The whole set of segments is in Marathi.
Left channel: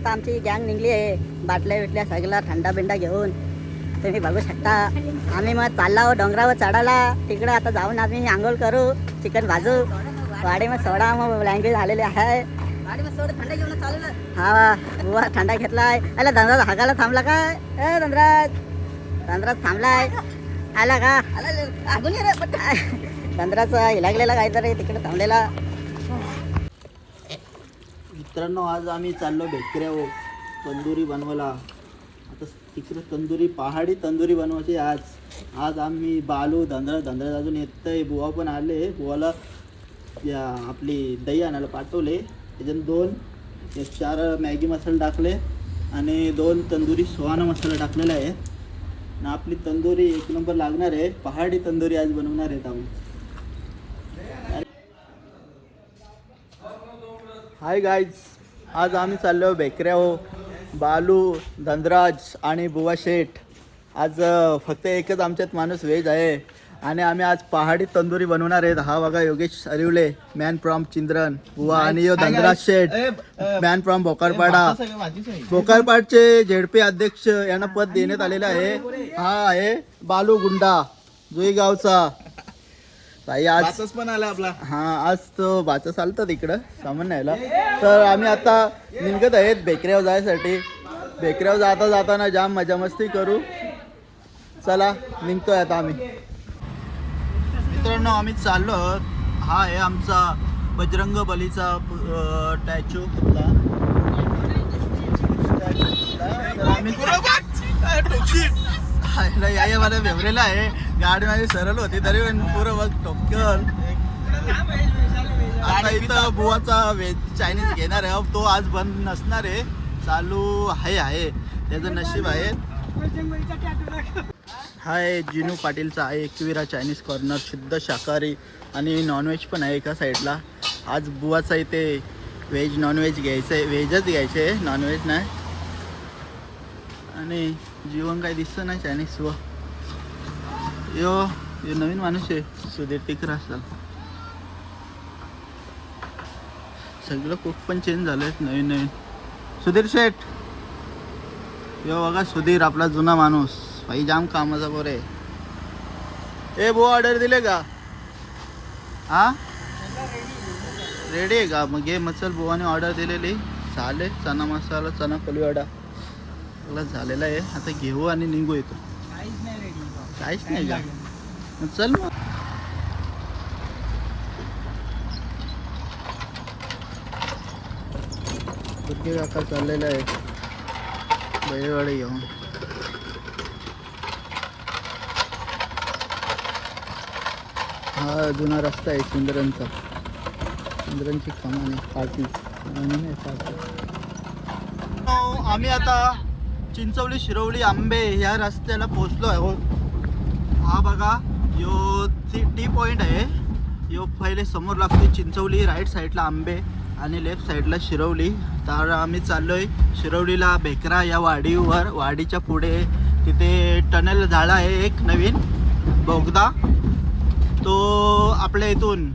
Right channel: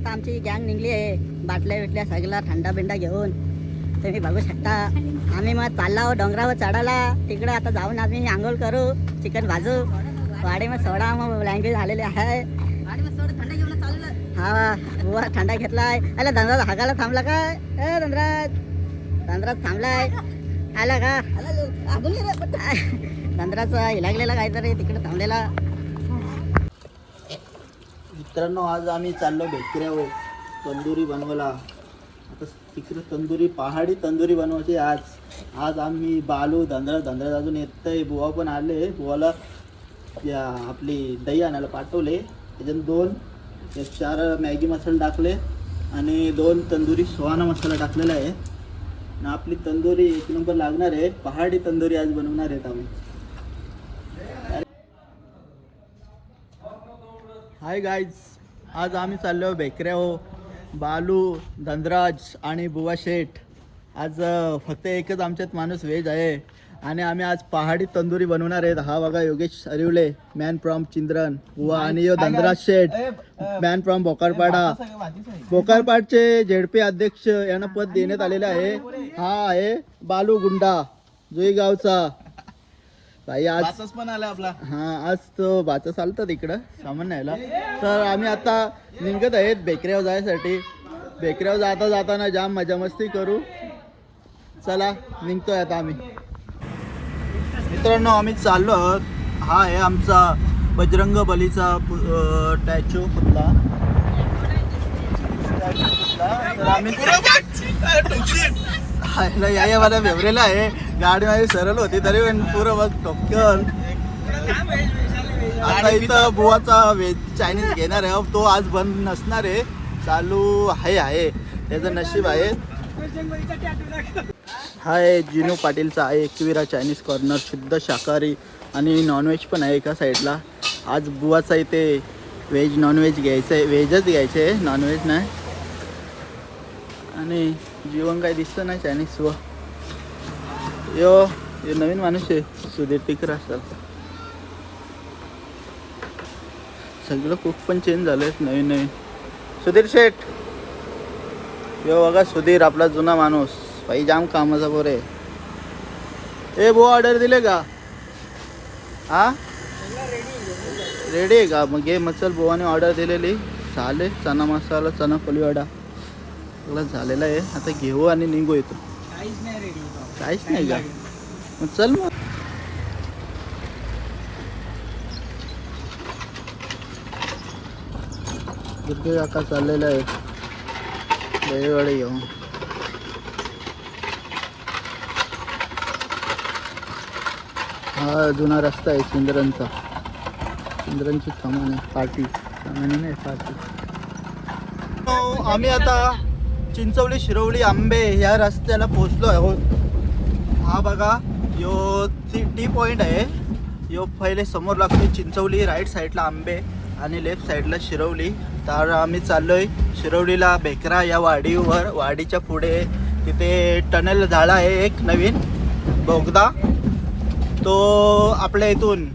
आता आमची गँग निघली आहे बाटल्या बिटल्या सगळ्या थंडा बिंडा घेऊन तुम्ही बघू शकता. आम्ही मग चाललो डोंगरावर चढायला. तिकडे आता जाऊन आम्ही आंघोळ करू, चिकन भाजू. वाडे मग सोडा मग ब्लँकेट झालेले आहे. वाडे मग सोडा थंडा घेऊन चालू. हा बुवा थंडा घेतलाय. अला धनराज हागायला थांबला काय? धनराज थांबलाय. आला का? धनराजचा हिलागलेला काहीतरी तिकडे थांबलेला. मित्रांनो आज आम्ही चाललो बेकऱ्यावर तंदुरी बनवायला. आता तिकडे तंदुरी पहाडी तंदुरी बनवायची. आज आम्ही बालू धनराज अजून येतंय. बुवा पण आले. बुवाला या आपली दही आणायला पाठवले. त्याच्यात 4 मॅगी मसाले टाकले आणि 2 तंदुरी सुहाना मसाला टाकलेला आहे. आणि आपली तंदुरी 1 नंबर लागणार आहे. पहाडी तंदुरी आज बनवणार आहेत आम्ही. हाय गाईज, आज आम्ही चाललो बेकऱ्यावर. बालू धनराज आणि बुवा शेठ. आज फक्त एकच आमच्यात माणूस व्हेज आहे आणि आम्ही आज पहाडी तंदुरी बनवणार आहेत. हा बघा योगेश अरिवले, मॅन फ्रॉम चिंद्रन. बुवा आणि धनराज शेठ, मॅन फ्रॉम भोकरपाडा. भोकरपाडचे झेडपी अध्यक्ष यांना पद देण्यात आलेलं आहे. हा आहे बालू गुंडा जुई गावचा. आज पण आला आपला. हा आज तो बाचा चालतात इकडं सामान न्यायला. तर आम्ही आता निघत आहेत बेकऱ्यावर जायसाठी. बेकऱ्यावर जाताना जाम मजा मस्ती करू. चला निघतोय आता आम्ही. मित्रांनो आम्ही चाललो आहोत. हा आहे आमचा बजरंग बलीचा स्टॅच्यू पुतळा. या मला फेवरेला आहे. गाडी माझी सरळ होती तरी पण पुरं बघ टोक्कन. आता इथं बुवाचा व्हेज चायनीज घेणार आहे. तो आज बंद नसणार आहे, चालू आहे. त्याचं नशीब आहे. हा आहे जिनू पाटीलचा आहे एकविरा चायनीज कॉर्नर. शुद्ध शाकाहारी आणि नॉनव्हेज पण आहे एका साईडला. आज बुवाचा इथे व्हेज नॉनव्हेज घ्यायचं आहे. व्हेजच घ्यायचं आहे, नॉनव्हेज नाही. आणि जीवन काय दिसतं नाही चायनीज व हे नवीन माणूस आहे सुधीर टिकर असेल. सगळं कुक पण चेंज झालंय नवीन. सुधीर शेठ यो बघा, सुधीर आपला जुना माणूस. भाई जाम कामाचा पोरे. ए बुवा ऑर्डर दिले का? हा रेडी आहे का? मग घे मसल. बुवाने ऑर्डर दिलेली झाले. चना मसाला, चना फुलवडा झालेला आहे. आता घेऊ आणि निघू. येतो काहीच नाही का? चल मग. दुर्गे काका चाललेला आहे वेळेवाडे घेऊन. हा जुना रस्ता आहे चिंद्रनचा. चिंद्रनची सामान पार्टी. आम्ही आता चिंचवली शिरवली आंबे या रस्त्याला पोहोचलो आहोत. हा बघा यो टी पॉइंट आहे. यो पहिले समोर लागतो चिंचवली, राईट साईडला आंबे आणि लेफ्ट साईडला शिरवली. तर आम्ही चाललोय शिरवलीला बेकरा या वाडीवर. वाडीच्या पुढे तिथे टनेल झाला आहे एक नवीन बोगदा. तो आपल्या इथून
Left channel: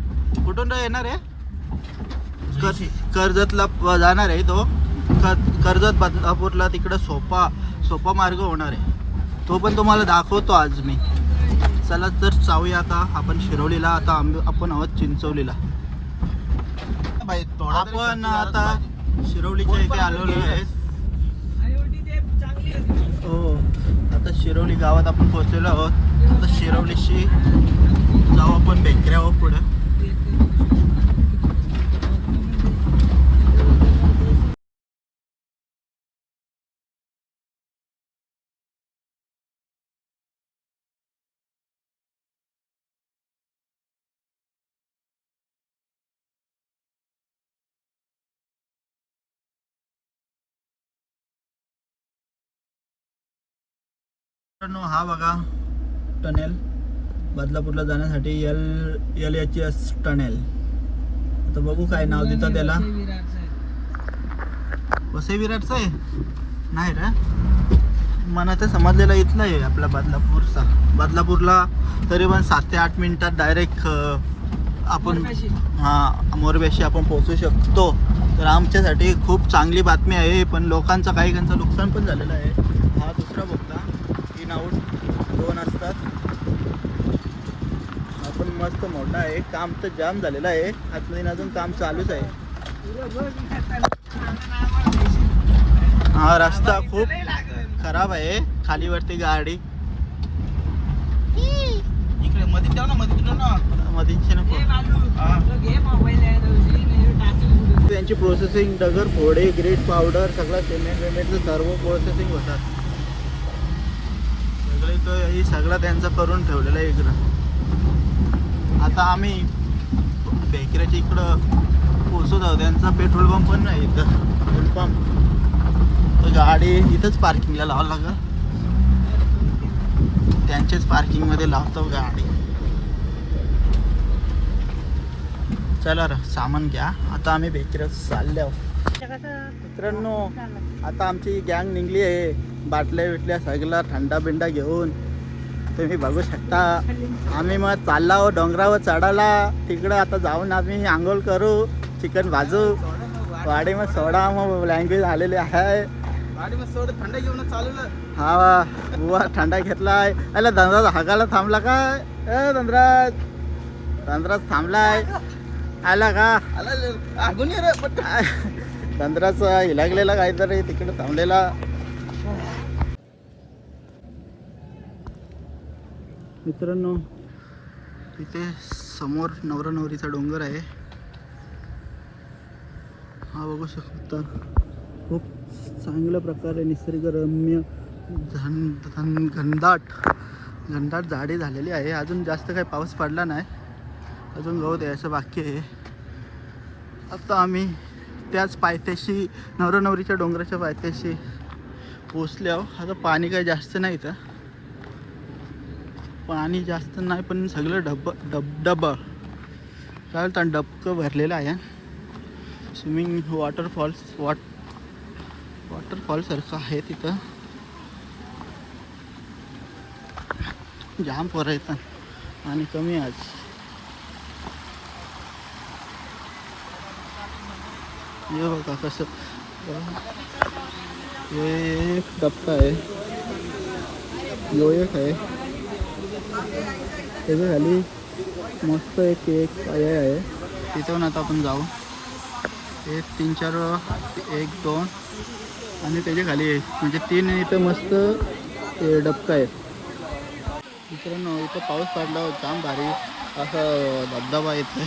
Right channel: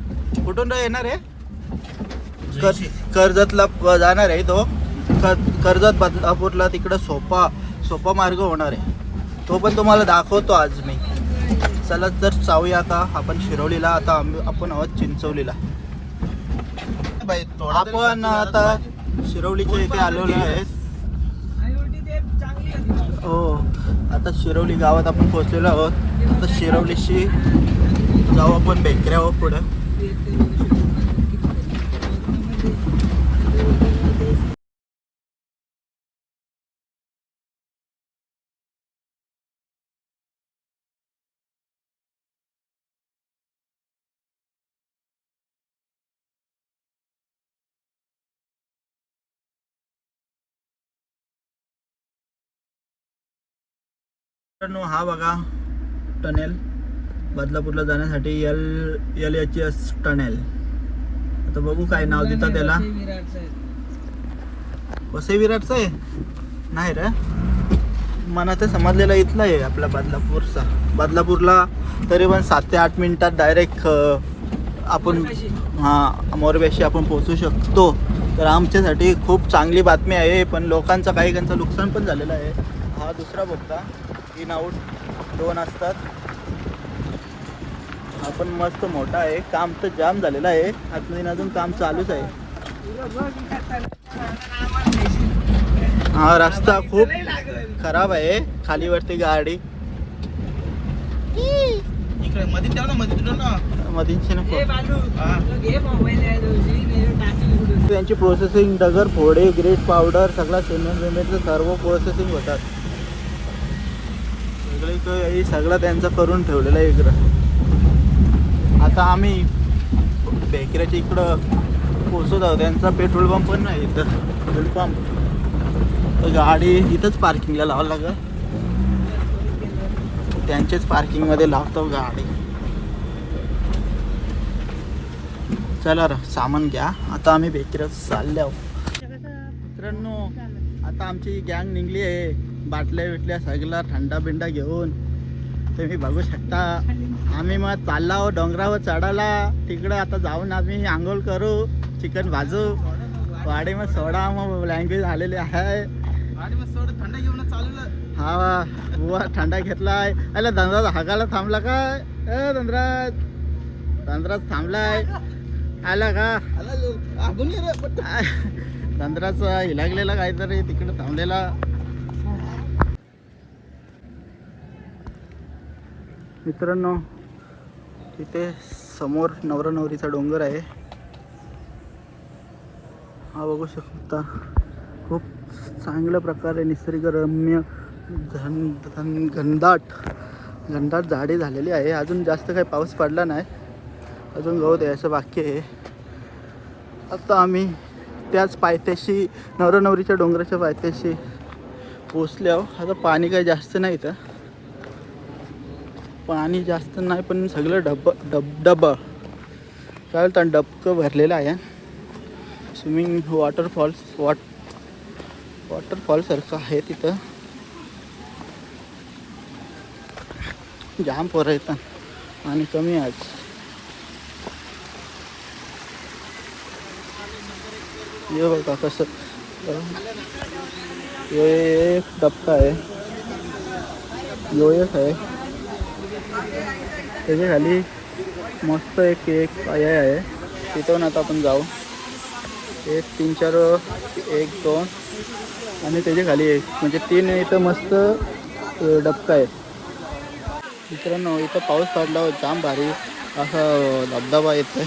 कुठून येणार आहे? कर्जतला जाणार आहे तो. कर्जत बदलापूरला तिकडं सोपा मार्ग होणार आहे. तो पण तुम्हाला दाखवतो आज मी. चला तर जाऊया आता आपण शिरवलीला. आता आपण आहोत चिंचवलीला. आपण आता शिरवलीच्या इथे आलेलो आहे. हो आता शिरवली गावात आपण पोहोचलेलो आहोत. आता शिरवलीशी जाऊ आपण बेकऱ्यावर पुढं. हा बघा टनेल बदलापूरला जाण्यासाठी LHS टनेल. आता बघू काय नाव देतात त्याला. वसई विराटचं आहे नाही रे. मला ते समजलेलं इथलं आहे आपला बदलापूरचा. बदलापूरला तरी पण 7 ते 8 मिनिटात डायरेक्ट आपण मोरबेशी आपण पोहोचू शकतो. तर आमच्यासाठी खूप चांगली बातमी आहे. पण लोकांचं काही नुकसान पण झालेलं आहे. हा दुसरा बोगदा, इन आऊट 2 असतात. हा पण मस्त मोठा आहे. काम तर जाम झालेलं आहे. अजून काम चालूच आहे. हा रस्ता खूप खराब आहे. खालीवरती गाडी त्यांची प्रोसेसिंग दगड फोडे ग्रेट पावडर सगळं सिमेंट विमेंटचं सर्व प्रोसेसिंग होतात. सगळं त्यांचं करून ठेवलेलं आहे इकडं. आता आम्ही बेकऱ्याच्या इकडं पोहोचत आहोत. त्यांचा पेट्रोल पंप पण नाही इथं. पेट्रोल पंप तर गाडी इथंच पार्किंगला लावावं लागेल. त्यांचेच पार्किंगमध्ये लावतो गाडी. चला सामान घ्या. आता आम्ही बेकरीत चालले आहोत. मित्रांनो आता आमची गँग निघली आहे. बाटल्या बिटल्या सगळा थंडा बिंडा घेऊन तुम्ही बघू शकता. आम्ही मग चालला आहोत डोंगरावर चढायला. तिकडं आता जाऊन आम्ही आंघोळ करू, चिकन भाजू. वाडी मग सोडा मग लँग्वेज आलेली आहे. वाडी मग सोडा थंडा घेऊन चालू. हा बुवा थंडा घेतलाय. अरे धनराज हागायला थांबला काय? धनराज थांबलाय. आला का? धनराजचा हिलागलेला काहीतरी तिकडे थांबलेला. मित्रांनो इथे समोर नवरा नवरीचा डोंगर आहे. हा बघू शकता. खूप चांगल्या प्रकारे निसर्गरम्य घनदाट झाडे झालेली आहे. अजून जास्त काही पाऊस पडला नाही. अजून गवत यायचं बाकी आहे. आता आम्ही त्याच पायथ्याशी नवरा नवरीच्या डोंगराच्या पायथ्याशी पोचले आहोत. आता पाणी काही जास्त नाही इथं. पाणी जास्त नाही पण सगळं डब काय तर डबकं भरलेलं आहे. स्विमिंग वॉटरफॉल सारखं आहे तिथं. जाम पोरं येतात आणि कमी आहे. ये बघा कसं एक डबका आहे. एक आहे त्याच्या खाली मस्त एक पाया आहे. तिथून आता आपण जाऊ. 1 3 4 1 2 आणि त्याच्या खाली एक म्हणजे 3 इथं मस्त डबका आहे. मित्रांनो इथं पाऊस पडला जाम भारी असं धबधबा येतोय.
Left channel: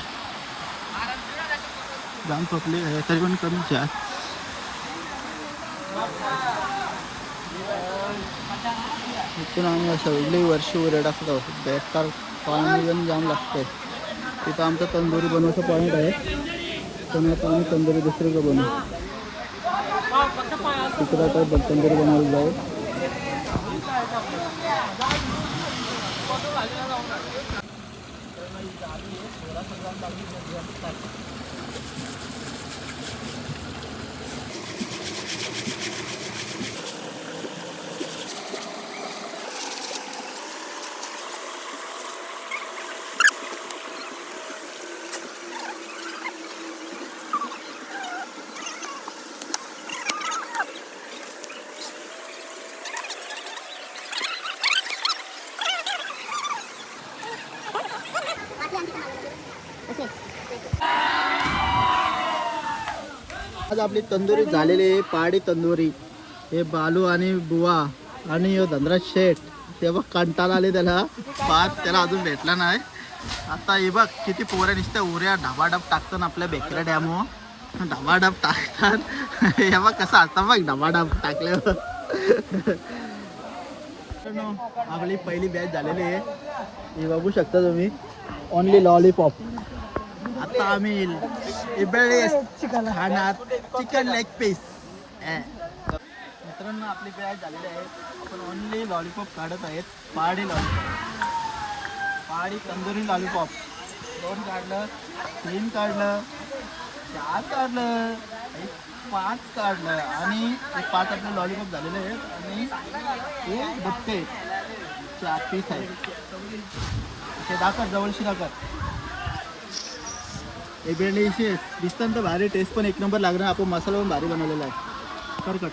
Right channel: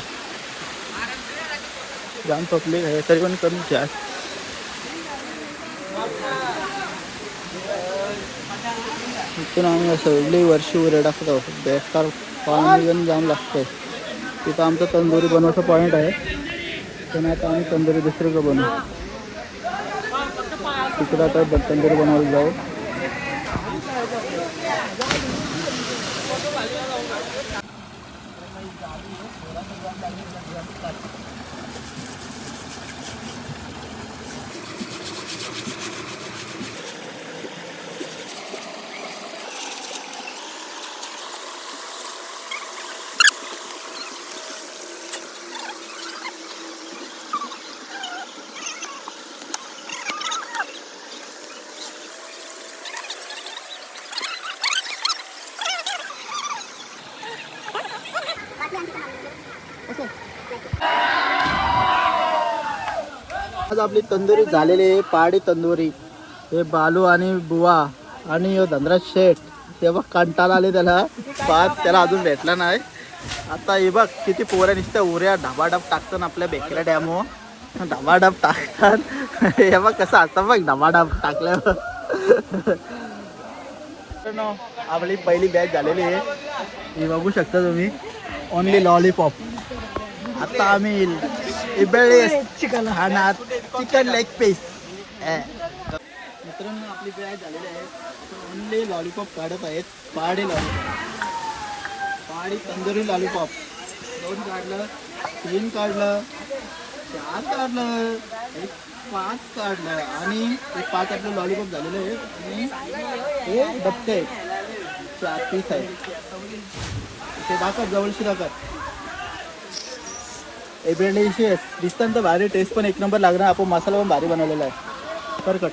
जाम पब्लिक आहे तरी पण कमी जास्त. इथून आम्ही सगळी वर्षी उरे टाकतो. बेकार पाणी पण जाम लागतंय. तिथं आमचं तंदुरी बनवायचं पॉईंट आहे. पण आता आम्ही तंदुरी दुसरीकडे बनवू. तिकडं आता तंदुरी बनवायला जाऊ. आज आपली तंदुरी झालेली आहे. पहाडी तंदुरी. हे बालू आणि बुवा आणि धनराज शेठ ते बघ कंटाळा आले त्याला. त्याला अजून भेटला नाही. आता हे बघ किती पोऱ्या नुसत्या उऱ्या ढाबाढाब टाकतात आपल्या बेकऱ्या डॅमवर. ढाबाढाब टाकतात. हे बघ कसं असतं बघ ढाबाढाब टाकल्यावर. आपली पहिली बॅच झालेली आहे. हे बघू शकता तुम्ही. Only lollipop. आता आम्ही खाणार चिकन लेग पीस. मित्रांनो आपली बॅच झालेली आहे. तर ओनली लॉलीपॉप काढत आहेत. पहाडी लॉलीपॉप. पहाडी तंदुरी लॉलीपॉप. 2 काढलं, 3 काढलं, 4 काढलं, 5 काढलं आणि 5 आपले लॉलीपॉप झालेले आहेत. आणि हे डबके आहेत. 4 पीस आहेत. ते दाखवत जवळशी दाखवत. डिलिशियस दिसतं तर भारी, टेस्ट पण एक नंबर लागणार. आपण मसाला पण भारी बनवलेला आहे. परकट